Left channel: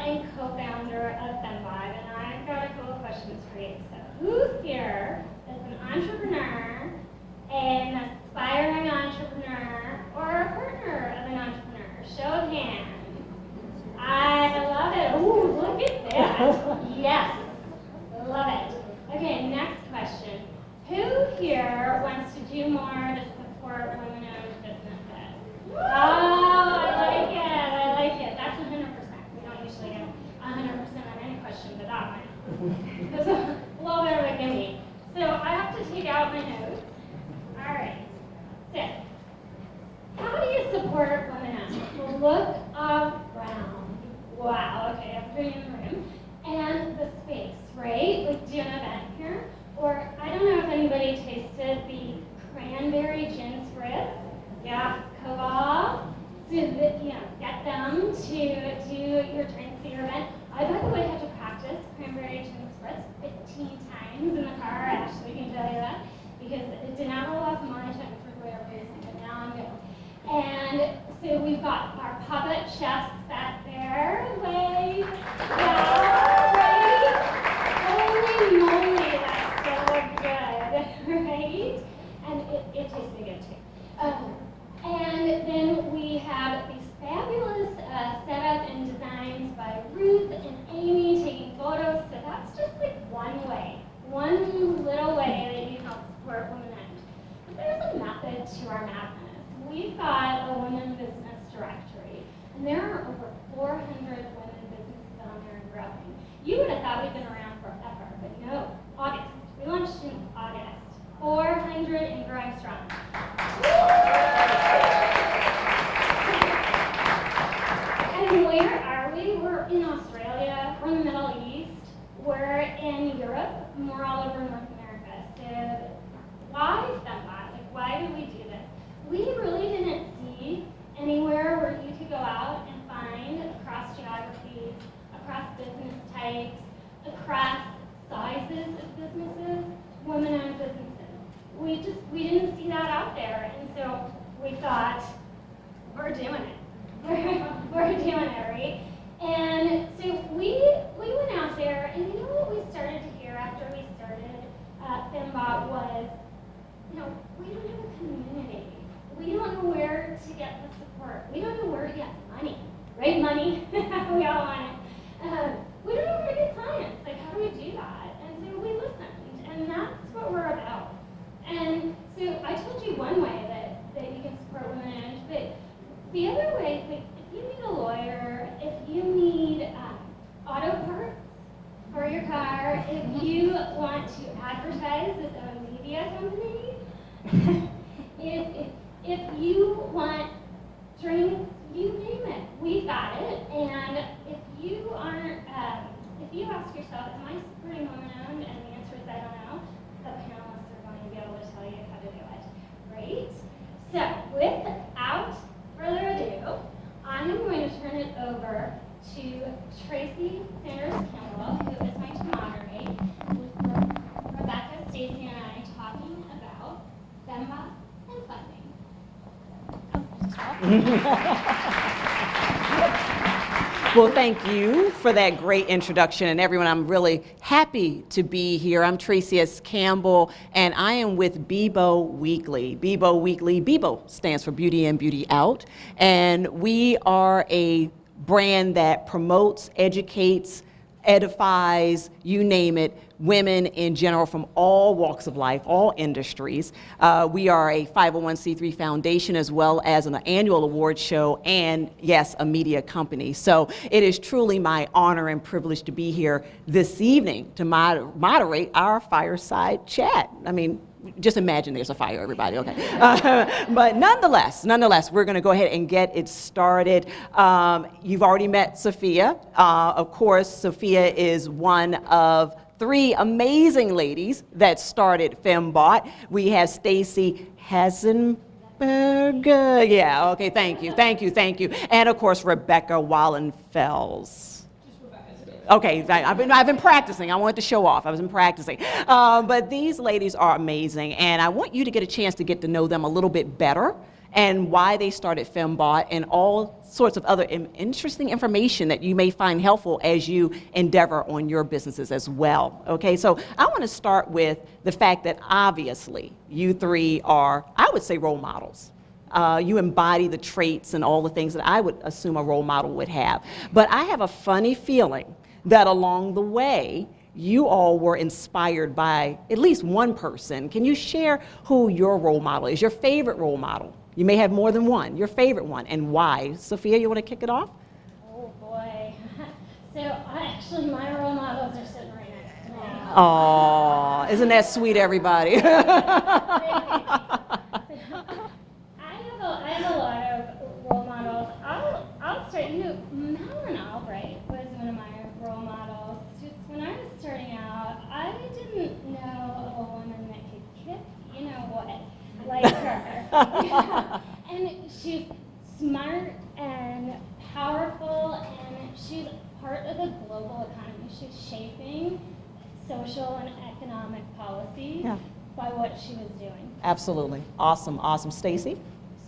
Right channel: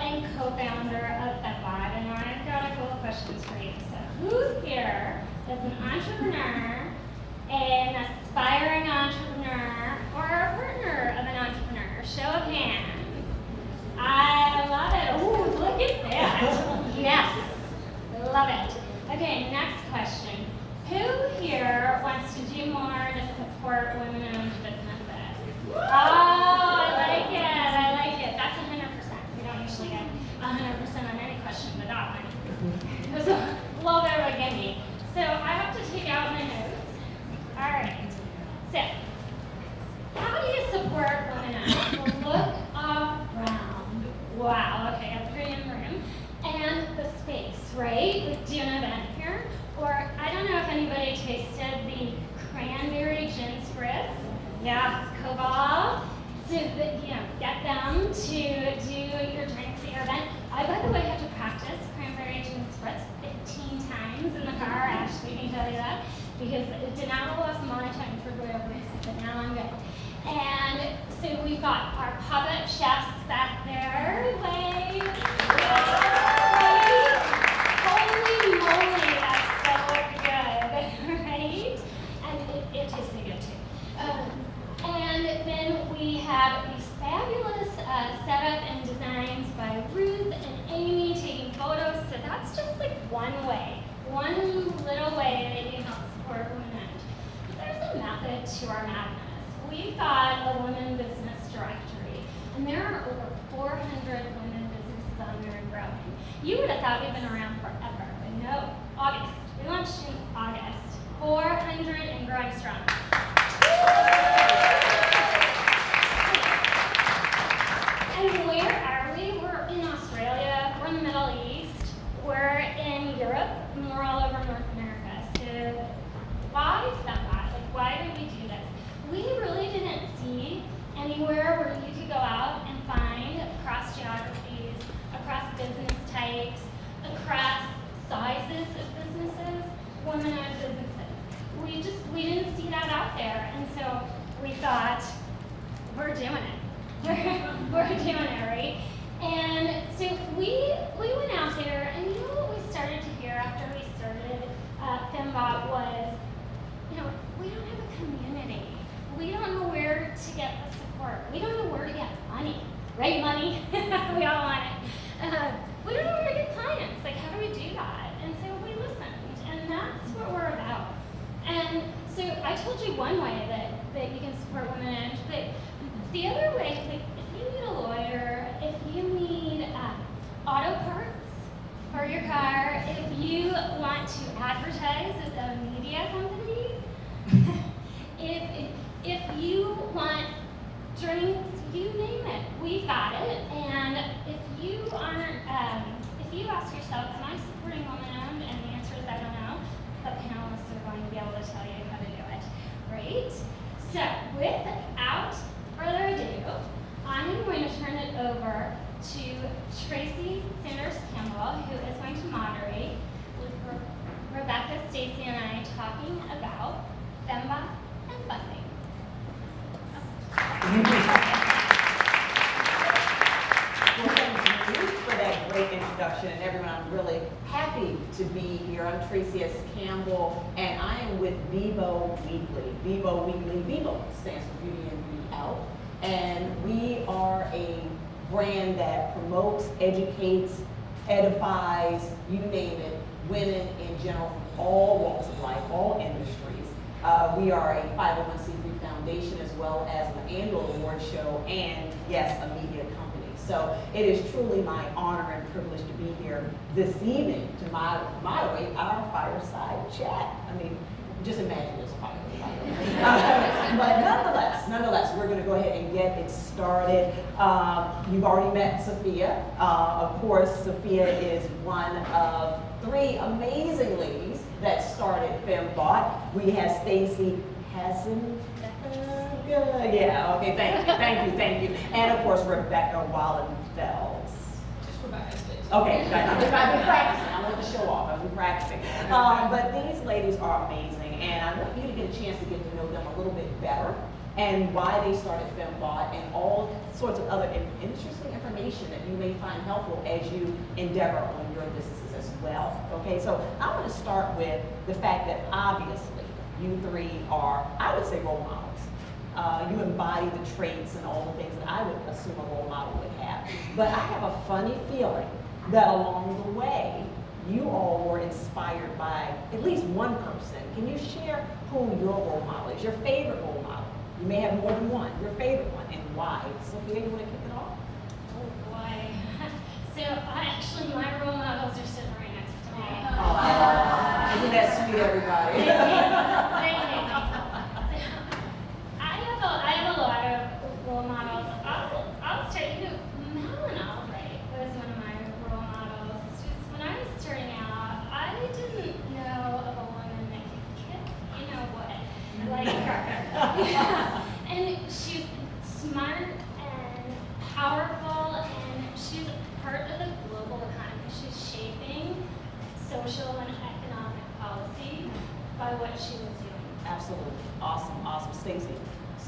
and co-founder of Femmebought'S, and I've got a couple of questions for you. So who here is an entrepreneur, an aspiring entrepreneur, or a partner of an entrepreneur? Show of hands. I love it. Ooh, look at that. Yes, love it. Okay, next question. Who here wants to do more to support women-owned businesses? Oh, I like it. That's 100%. We don't usually get 100% on any question but that one. It was a little bit of a gimme. So I have to take out my notes. All right. So, how do you support women-owned? Well, look around. Wow, okay, everybody in the room. And the space, right? Like, do an event here. Or, I don't know if anybody tasted the cranberry gin spritz. Yeah, Cobalt. So that, get them to do your drinks at your event. I, by the way, had to practice cranberry gin spritz 15 times in the car. Ashley can tell you that. Because it did not roll off my tongue for whatever reason, but now I'm good. And so we've got our puppet chefs back there. Wave. Yeah, right? Holy moly, that's so good, right? And it tasted good too. And then we have these fabulous setup and designs by Ruth and Amy taking photos. So that's just like one way, one little way that you help support women-owned. There's a method to our madness. We've got a women business directory, and there are over 400 women businesses on there and growing. You would have thought we've been around forever, but no, August. We launched in August. 400 and growing strong. And where are we? We're in Australia, we're in the Middle East, we're in Europe, and we're all over North America. So why Femmebought'S? Like, why did we do this? We really didn't see anywhere where you could go out and find across geographies, across business types, across sizes of businesses, women-owned businesses. We didn't see that out there, and so we thought, we're doing it. We're doing it, right? And so we went out there, and you know what we started to hear after we started Femmebought'S was, we don't have a community. We don't know where to get the support. We don't know where to get money, right? Money, we all want it. We don't know where to get clients. Like, how do we do that? And so we listened, and that's what we're about. And so I told you one way that you can support women, but the other way, like, if you need a lawyer, if you need auto parts for your car, if you want to advertise as a media company, if you want drinks, you name it, we've got it. And if you ask yourself, am I supporting women-owned? And the answer is I don't know. The panelists are going to be able to tell you how to do it, right? So without further ado, I'm going to turn it over to Traci Campbell, who is going to moderate with Rebecca, Stacey, and I talking about Femmebought'S and funding. Well, thank you for that great introduction. And everyone, I'm really happy to be here. I'm Traci Campbell, and I am with BIBO Weekly. BIBO Weekly, BIBO stands for Beauty In, Beauty Out. And we are a brand that promotes, educates, edifies, you name it, women in general from all walks of life, all industries. We are a 501c3 foundation as well as an annual award show and, yes, a media company. So it is truly my honor and privilege to be here this evening to moderate our fireside chat. I mean, just imagine there's a fire, everybody, okay? But nonetheless, we're gonna go ahead and get it started. You've already met Sophia. Of course, Sophia is one of 3 amazing ladies that started Femmebought'S. We have Stacee Hasenbalg. Yeah, okay, thank you. And of course, Rebecca Wallenfelsz. Okay, I've been practicing. I wanted to show off. I was practicing. But these ladies are amazing, and I want you to get a chance to get to know them a little bit better and why they started Fembought, and all sorts of other interesting information that you may find helpful as you endeavor on your businesses as well. Okay, so I want to start with the fact that obviously you three are, I would say, role models. You embody the traits and all the things that I would assume a role model would have. But I have a funny feeling that along the way, you all were inspired by at least one person. Can you share who your role model is, your favorite role model? You may have more than one, your favorite one, and why. Sophia, you want to kick it off? Oh boy. So actually my role models are sitting right next to me. Aww, isn't that sweet, everybody? I have a lot of role models. I'll start, Mel and Albright was one of my role models. Just when I was starting out, I didn't know of a woman that could kick, like her. And she's smart and powerful, and she's part of the global economy. She's shaping social and economic policy by what she was doing. Absolutely. Awesome, awesome. Stacey?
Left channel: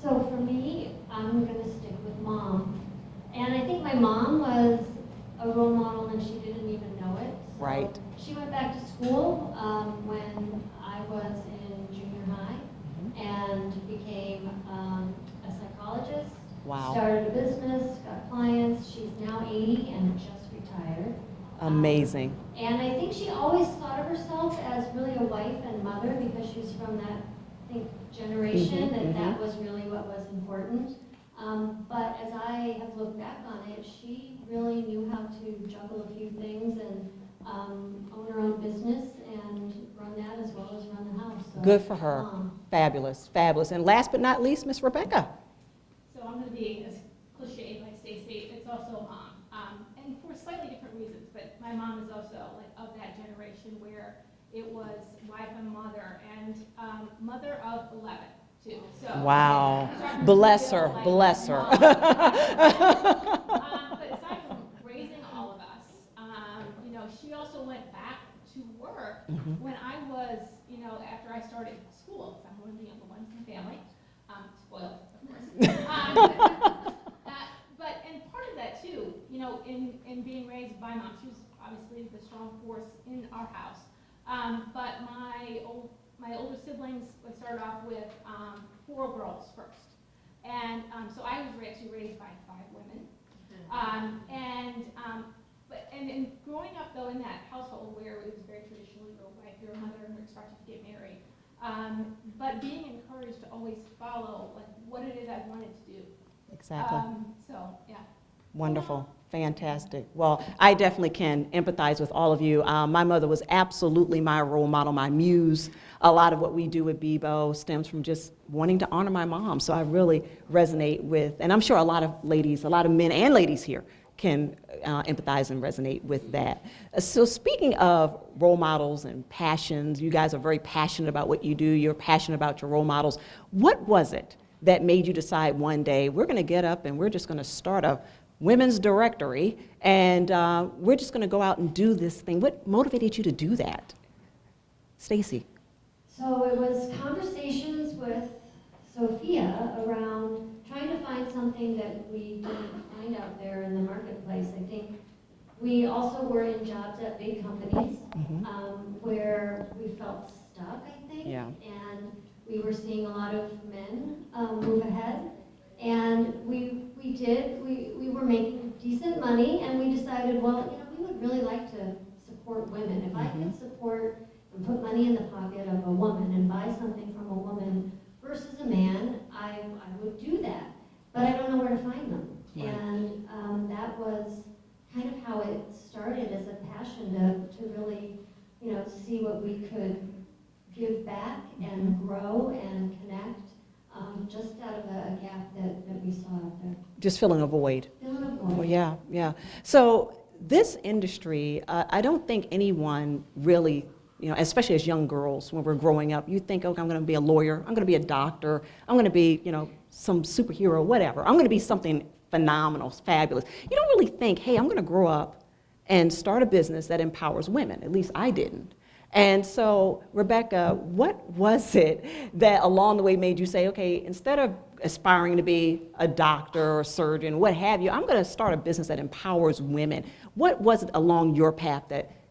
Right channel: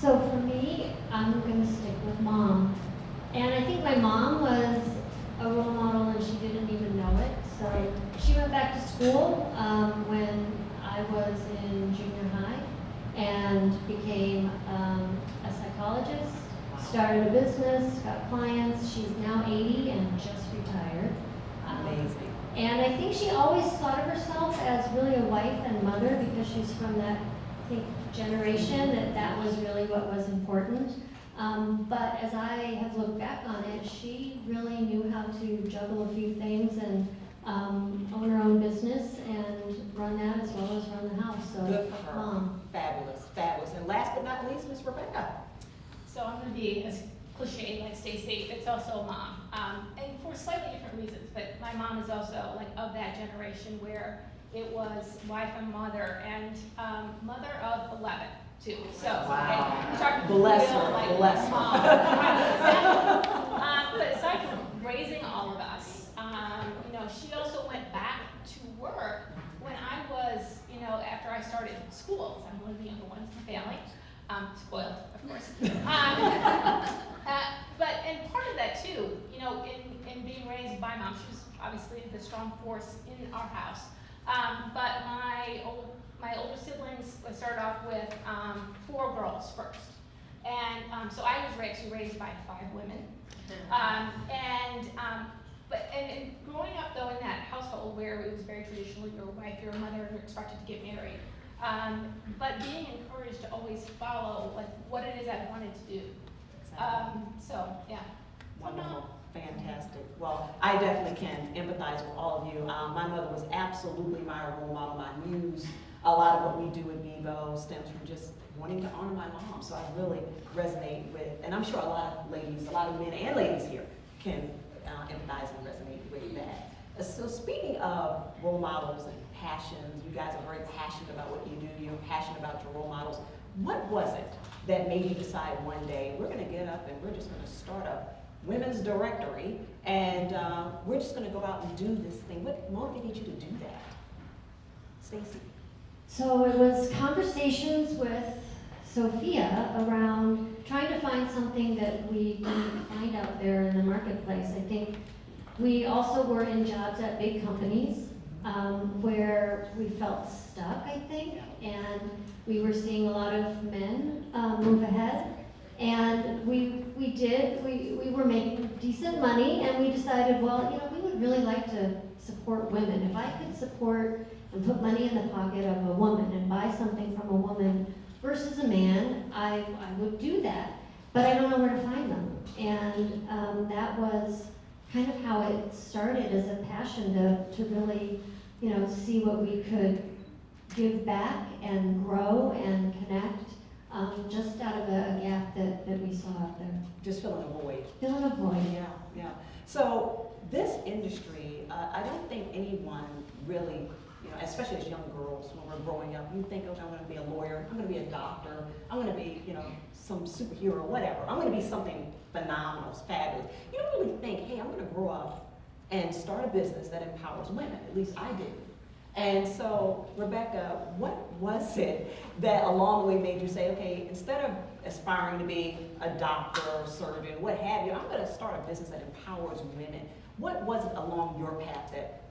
So for me, I'm going to stick with mom. And I think my mom was a role model and she didn't even know it. So Right. She went back to school when I was in junior high and became a psychologist. Wow. Started a business, got clients. She's now 80 and just retired. Amazing. And I think she always thought of herself as really a wife and mother because she's from that, I think, generation that was really what was important. But as I have looked back on it, she really knew how to juggle a few things and own her own business and run that as well as run the house. So, Good for her. Fabulous, fabulous. And last but not least, Miss Rebecca. So I'm going to be as cliche like Stacey. It's also mom, and for slightly different reasons. But my mom is also like of that generation where it was wife and mother, and mother of 11 too. So Wow. okay, Bless her, bless her. But aside from raising all of us, she also went back to work when I was, after I started school. I'm one of the younger ones in the family. Spoiled, of course. And part of that too, in being raised by mom, she was obviously the strong force in our house. But my older siblings, I started off with 4 girls first. And so I was actually raised by 5 women. And growing up though in that household where it was very traditional, you're a wife, you're a mother, and you're expected to get married. But being encouraged to always follow like what it is I wanted to do. Exactly. So yeah. Wonderful. Fantastic. Well, I definitely can empathize with all of you. My mother was absolutely my role model, my muse. A lot of what we do at BIBO stems from just wanting to honor my mom. So I really resonate with, and I'm sure a lot of ladies, a lot of men and ladies here can empathize and resonate with that. So speaking of role models and passions, you guys are very passionate about what you do. You're passionate about your role models. What was it that made you decide one day, we're going to get up and we're just going to start a women's directory and we're just going to go out and do this thing? What motivated you to do that? Stacey. So it was conversations with Sophia around trying to find something that we didn't find out there in the marketplace. I think we also were in jobs at big companies where we felt stuck, I think, and we were seeing a lot of men move ahead. And we were making decent money, and we decided, well, we would really like to support women. If I could support and put money in the pocket of a woman and buy something from a woman versus a man, I would do that. But I don't know where to find them. And that was kind of how it started as a passion to really, see what we could give back and grow and connect just out of a gap that we saw out there. Just filling a void. Filling a void. Yeah. So this industry, I don't think anyone really, especially as young girls, when we're growing up, you think, okay, I'm going to be a lawyer, I'm going to be a doctor, I'm going to be, some superhero, whatever. I'm going to be something phenomenal, fabulous. You don't really think, hey, I'm going to grow up and start a business that empowers women. At least I didn't. And so, Rebecca, what was it that along the way made you say, okay, instead of aspiring to be a doctor or surgeon, what have you, I'm going to start a business that empowers women? What was it along your path that